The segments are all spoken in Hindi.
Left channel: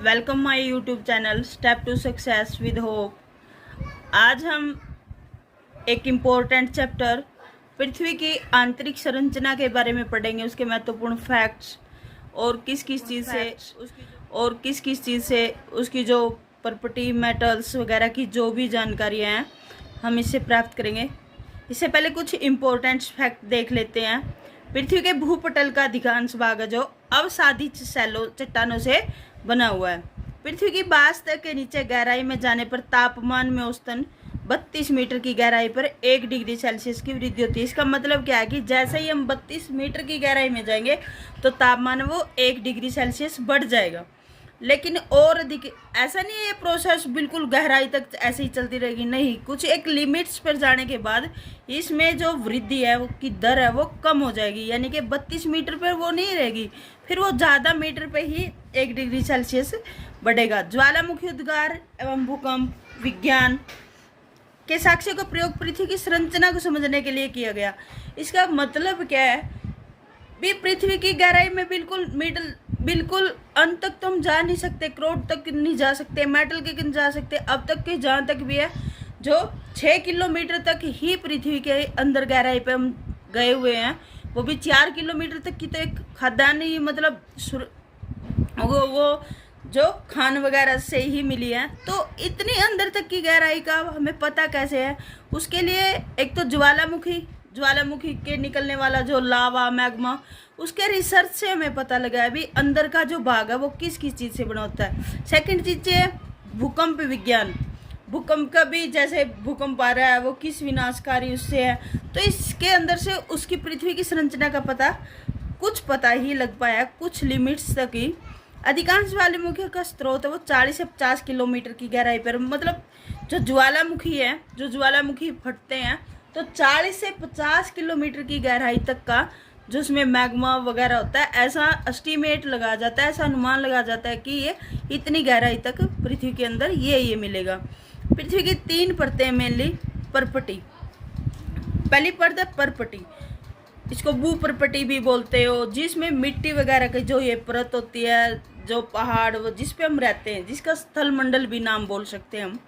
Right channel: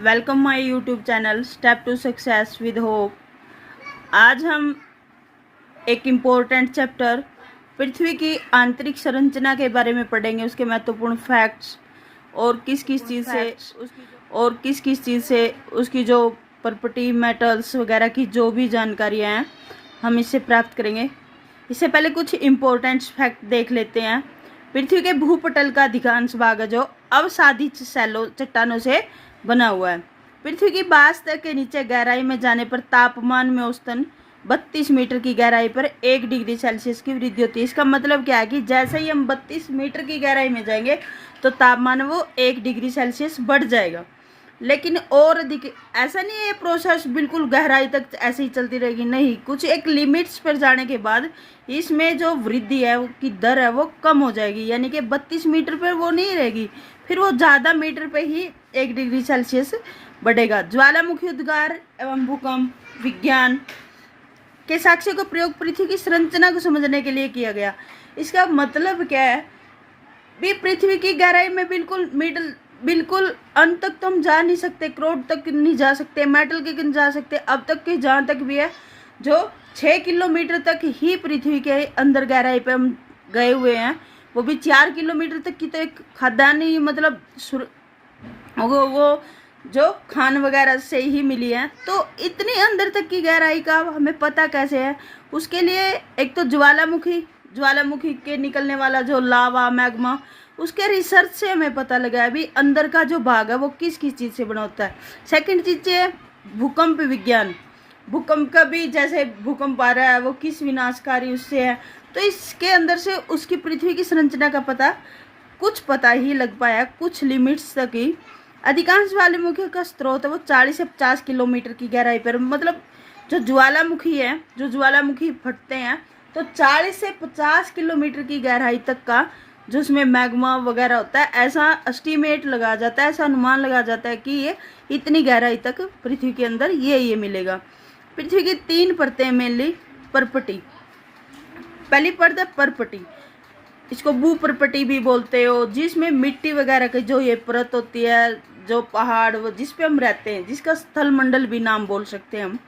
Welcome my YouTube channel step to success with hope. आज हम एक इम्पोर्टेंट चैप्टर पृथ्वी की आंतरिक संरचना के बारे में पढ़ेंगे, उसके महत्वपूर्ण फैक्ट्स और किस किस चीज़ से उसकी जो प्रॉपर्टी, मेटल्स वगैरह की जो भी जानकारियाँ हैं हम इससे प्राप्त करेंगे। इससे पहले कुछ इम्पोर्टेंट फैक्ट देख लेते हैं। पृथ्वी के भूपटल का अधिकांश भाग जो अवसादी सैलो चट्टानों से बना हुआ है। पृथ्वी की वास्तव के नीचे गहराई में जाने पर तापमान में औसतन 32 मीटर की गहराई पर 1 डिग्री सेल्सियस की वृद्धि होती है। इसका मतलब क्या है कि जैसे ही हम 32 मीटर की गहराई में जाएंगे तो तापमान वो 1 डिग्री सेल्सियस बढ़ जाएगा। लेकिन और अधिक ऐसा नहीं है, ये प्रोसेस बिल्कुल गहराई तक ऐसे ही चलती रहेगी, नहीं। कुछ एक लिमिट्स पर जाने के बाद इसमें जो वृद्धि है की दर है वो कम हो जाएगी, यानी कि 32 मीटर पर वो नहीं रहेगी, फिर वो ज़्यादा मीटर पे ही 1 डिग्री सेल्सियस बढ़ेगा। ज्वालामुखी उद्गार एवं भूकंप विज्ञान के साक्ष्य को प्रयोग पृथ्वी की संरचना को समझने के लिए किया गया। इसका मतलब क्या है भी, पृथ्वी की गहराई में बिल्कुल अंत तक तो हम जा नहीं सकते, करोड़ तक नहीं जा सकते, मेटल के नहीं जा सकते, अब तक के जहाँ तक भी है जो 6 किलोमीटर तक ही पृथ्वी के अंदर गहराई पे हम गए हुए हैं, वो भी 4 किलोमीटर तक की तो एक खदानी मतलब वो जो खान वगैरह से ही मिली है। तो इतनी अंदर तक की गहराई का हमें पता कैसे है? उसके लिए एक तो ज्वालामुखी के निकलने वाला जो लावा मैग्मा, उसके रिसर्च से हमें पता लगा है भी अंदर का जो भाग है वो किस किस चीज़ से बना होता है। सेकंड चीज़ है भूकंप विज्ञान। भूकंप का भी जैसे भूकंप आ रहा है वो किस विनाशकारी उससे है, तो इसके अंदर से उसकी पृथ्वी की संरचना का कुछ पता ही लग पाया, कुछ लिमिट्स तक ही। अधिकांश ज्वालामुखी का स्रोत है वो 40 से 50 किलोमीटर की गहराई पर, मतलब जो ज्वालामुखी फटते हैं तो 40 से 50 किलोमीटर की गहराई तक का जो उसमें मैग्मा वगैरह होता है, ऐसा एस्टीमेट लगा जाता है, ऐसा अनुमान लगा जाता है कि ये इतनी गहराई तक पृथ्वी के अंदर ये मिलेगा। पृथ्वी की 3 परतें मेनली परपटी। पहली परत है परपटी, इसको भू परपटी भी बोलते हो, जिसमें मिट्टी वगैरह की जो ये परत होती है, जो पहाड़ जिस पे हम रहते हैं, जिसका स्थल मंडल भी नाम बोल सकते हैं हम।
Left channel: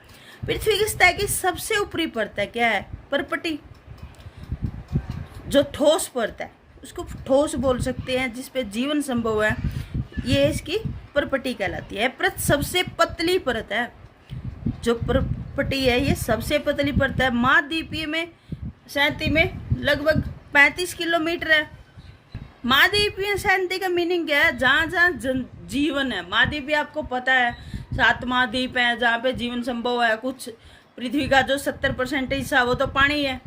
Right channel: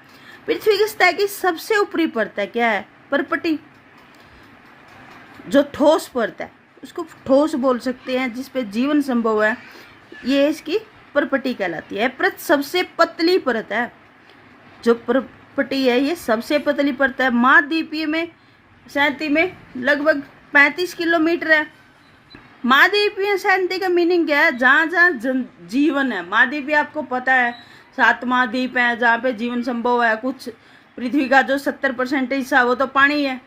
पृथ्वी की सतह की सबसे ऊपरी परत है क्या है? परपटी। जो ठोस परत है उसको ठोस बोल सकते हैं, जिसपे जीवन संभव है, ये इसकी परपटी कहलाती है। परत सबसे पतली परत है, जो परपटी है ये सबसे पतली परत है। महाद्वीपीय में शांति में लगभग 35 किलोमीटर है। महाद्वीपीय शांति का मीनिंग क्या है? जहाँ जहाँ जीवन है। महाद्वीपीय आपको पता है 7 महाद्वीप है जहाँ पे जीवन संभव है। कुछ पृथ्वी का जो 70% हिस्सा वो तो पानी है,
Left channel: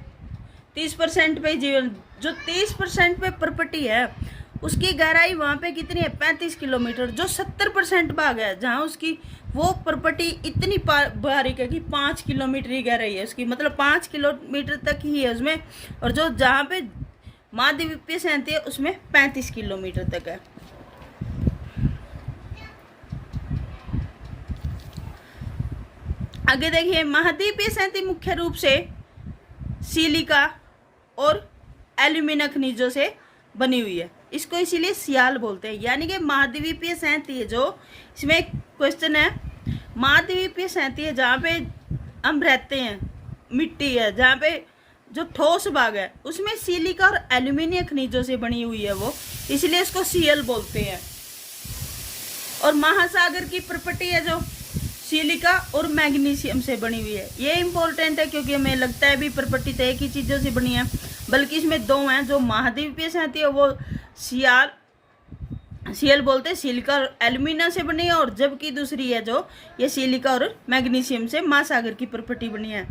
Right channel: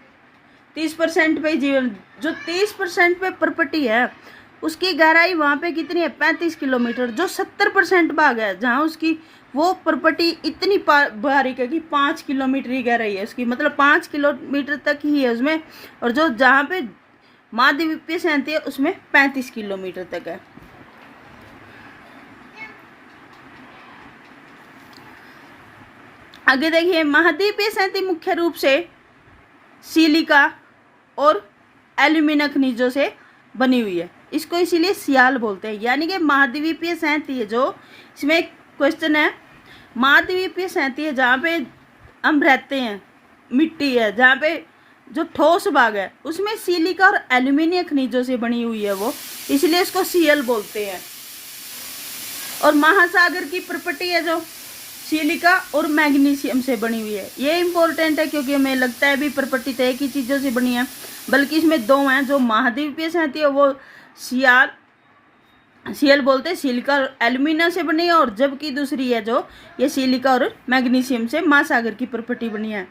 30% पे जीवन, जो 30% पे परपटी है उसकी गहराई वहाँ पे कितनी है? 35 किलोमीटर। जो 70% भाग है जहाँ उसकी वो परपटी इतनी बारीक है कि 5 किलोमीटर ही गहराई है उसकी, मतलब 5 किलोमीटर तक ही है उसमें। और जो जहाँ पे महाद्वीपीय शांति है उसमें 35 किलोमीटर तक है। आगे देखिए, महाद्वीपीय शांति मुख्य रूप से सिलिका और एल्यूमिनियम खनिजों से बनी हुई है, इसको इसीलिए सियाल बोलते हैं। यानी कि महाद्वीपीय शांति है जो, इसमें एक क्वेश्चन है, महाद्वीपीय शांति है जहाँ पे हम रहते हैं, मिट्टी है, जहाँ पे जो ठोस भाग है उसमें सिलिका और एल्यूमिनियम खनिजों से बनी हुई है वो, इसलिए इसको सियल बोलते हैं। और महासागर की प्रॉपर्टी है जो सिलिका और मैग्नीशियम से बनी हुई है। ये इंपॉर्टेंट है क्योंकि हमें लगता है भी प्रॉपर्टी तो एक ही चीज़ों से बनी है, बल्कि इसमें 2 हैं। जो महाद्वीपीय शांति है वो सियल बोलते हैं, सिलिका और एल्यूमिनियम से बनी है, और जबकि दूसरी है जो ये सिलिका और मैग्नीशियम से महासागर की प्रॉपर्टी बनी है।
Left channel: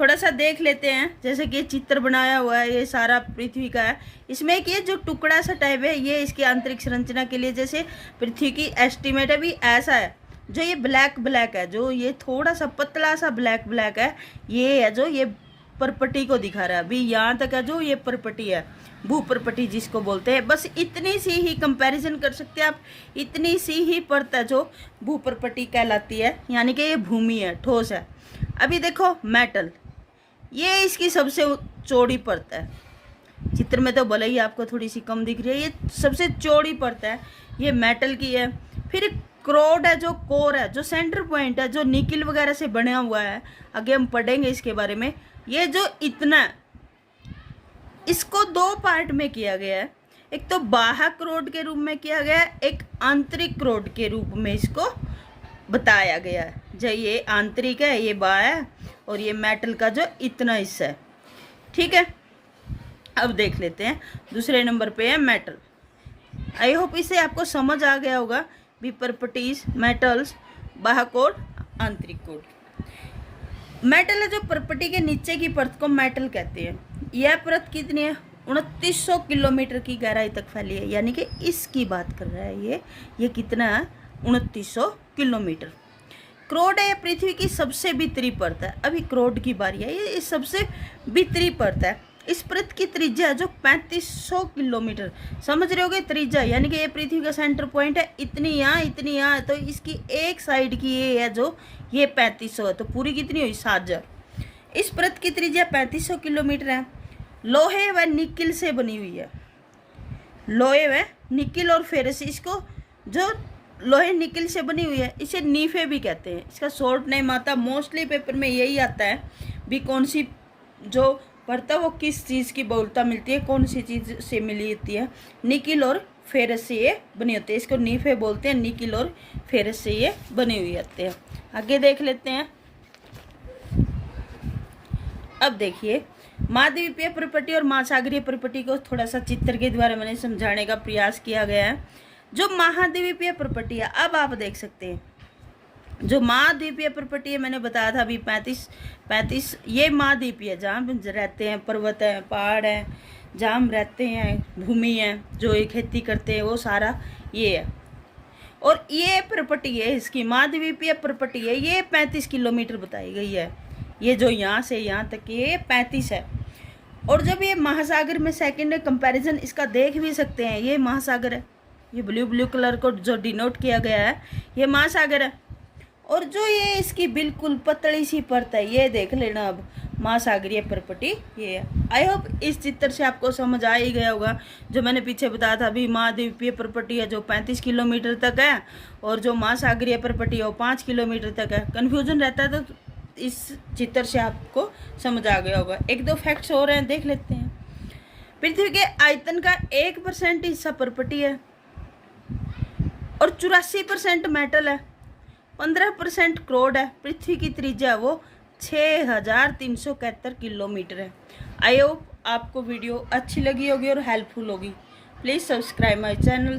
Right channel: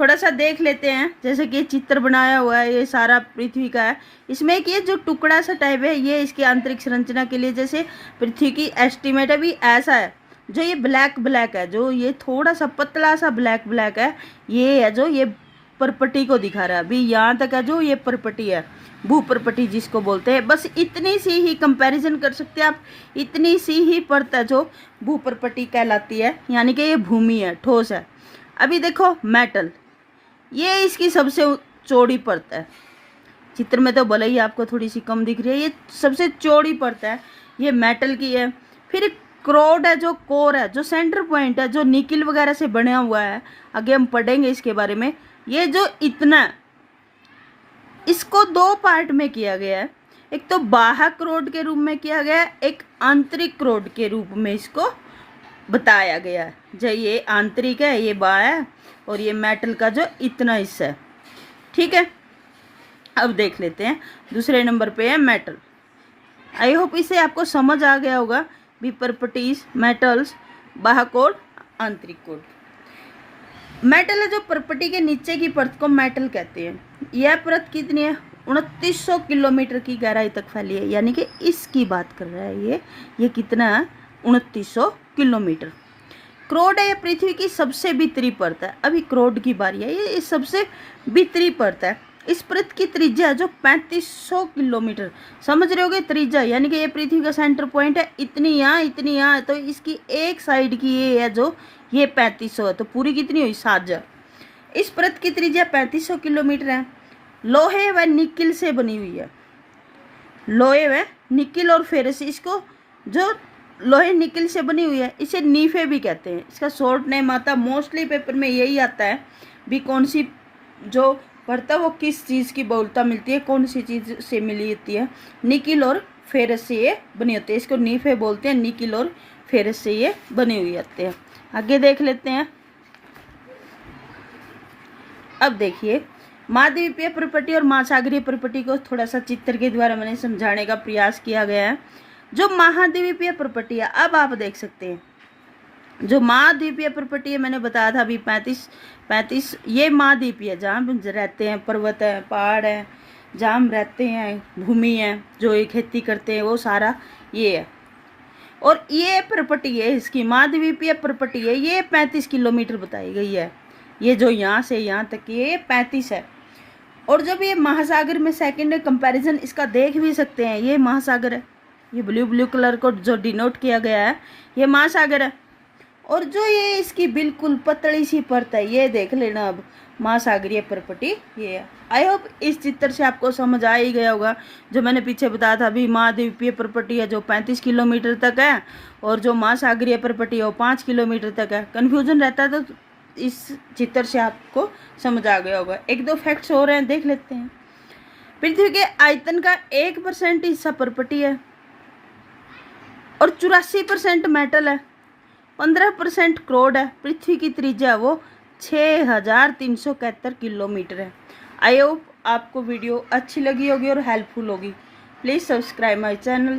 थोड़ा सा देख लेते हैं, जैसे कि चित्र बनाया हुआ है, ये सारा पृथ्वी का है। इसमें एक ये जो टुकड़ा सा टाइप है ये इसकी आंतरिक संरचना के लिए, जैसे पृथ्वी की एस्टिमेट है भी ऐसा है। जो ये ब्लैक है, जो ये थोड़ा सा पतला सा ब्लैक है, ये है जो ये परपटी को दिखा रहा है। अभी यहाँ तक है जो ये परपटी है, भू परपटी जिसको बोलते हैं। बस इतनी सी ही कंपैरिजन कर सकते हैं आप, इतनी सी ही परत है जो भू परपटी कहलाती है, यानी कि ये भूमि है, ठोस है। अभी देखो मेटल, ये इसकी सबसे चौड़ी परत है। चित्र में तो भले ही आपको थोड़ी सी कम दिख रही है, ये सबसे चौड़ी परत है, ये मेटल की है। फिर क्रोड है, जो कोर है, जो सेंटर पॉइंट है, जो निकिल वगैरह से बना हुआ है, आगे हम पढ़ेंगे इसके बारे में। ये जो इतना है, इसको दो पार्ट में किया गया है। एक तो बाह्य क्रोड के रूप में किया गया है, एक आंतरिक क्रोड के रूप में इसको बताया गया है। जो ये आंतरिक है, ये बाह्य है, और ये मेटल का जो इतना हिस्सा है। ठीक है, अब देख लेते हैं दूसरे नंबर पे है मेटल। आई होप इसे आपको समझ आ गया होगा भी प्रॉपर्टीज मेटल्स, बाह्य कोड, आंतरिक कोड। मेटल है जो प्रॉपर्टी के नीचे की परत को मेटल कहते हैं। यह परत कितनी है? 2900 किलोमीटर की गहराई तक फैली है, यानी कि इसकी बात कर रहा है ये कितना है? 2900 किलोमीटर। क्रोड है, ये पृथ्वी की सबसे भीतरी परत है। अभी क्रोड की बारी है, ये सबसे भीतरी परत है। इस परत की त्रिज्या जो 3500 किलोमीटर, समझ रहे होगे त्रिज्या, यानी कि ये पृथ्वी का सेंटर पॉइंट है, इतनी यहाँ, तो इसकी एक साइड की ये है जो ये 3500 है, तो पूरी कितनी हुई? 7000। इस परत की त्रिज्या 3500 किलोमीटर है। लोहे व निकिल से बनी हुई है। लोहे व निकिल और फेरस, इसको जो लोहे निकिल से बनी हुई है इसे नीफे भी कहते हैं। इसका शॉर्ट नेम आता है, मोस्टली पेपर में यही आता है भी कौन सी जो परत है वो किस चीज़ की बहुलता मिलती है, कौन सी चीज़ से मिली होती है। निकिल और फेरस से ये बनी होती है, इसको नीफे बोलते हैं। निकिल और फेरस से ये बनी हुई होती है। आगे देख लेते हैं। अब देखिए, महाद्वीपीय प्रॉपर्टी और महासागरीय प्रॉपर्टी को थोड़ा सा चित्र के द्वारा मैंने समझाने का प्रयास किया गया है। जो महाद्वीपीय प्रॉपर्टी है, अब आप देख सकते हैं जो महाद्वीपीय प्रॉपर्टी है, मैंने बताया था अभी 35 ये महाद्वीपीय है, जहाँ हम रहते हैं, पर्वत है, पहाड़ है, जहाँ हम रहते हैं, भूमि है, जो ये खेती करते हैं, वो सारा ये है। और ये प्रॉपर्टी है, इसकी महाद्वीपीय प्रॉपर्टी है, ये 35 किलोमीटर बताई गई है। ये जो यहाँ से यहाँ तक ये 35 है। और जब ये महासागर में सेकेंड कंपैरिजन इसका देख भी सकते हैं, ये महासागर है, ये ब्लू कलर को जो डिनोट किया गया है ये महासागर है। और जो ये इसकी बिल्कुल पतली सी परत है, ये देख लेना अब महासागरीय प्रॉपर्टी ये है। आई होप इस चित्र से आपको समझ आ ही गया होगा। जो मैंने पीछे बताया था अभी, महाद्वीपीय प्रॉपर्टी है जो 35 किलोमीटर तक है, और जो महासागरीय प्रॉपर्टी है वो 5 किलोमीटर तक है। कन्फ्यूजन रहता है तो इस चित्र से आपको समझ आ गया होगा। एक दो फैक्ट्स हो रहे हैं, देख लेते हैं। पृथ्वी के आयतन का 1% हिस्सा प्रॉपर्टी है, और 84% मेटल है, 15% क्रोड है। पृथ्वी की त्रिज्या वो 6371 किलोमीटर है। आई होप आपको वीडियो अच्छी लगी होगी और हेल्पफुल होगी। Please subscribe my channel.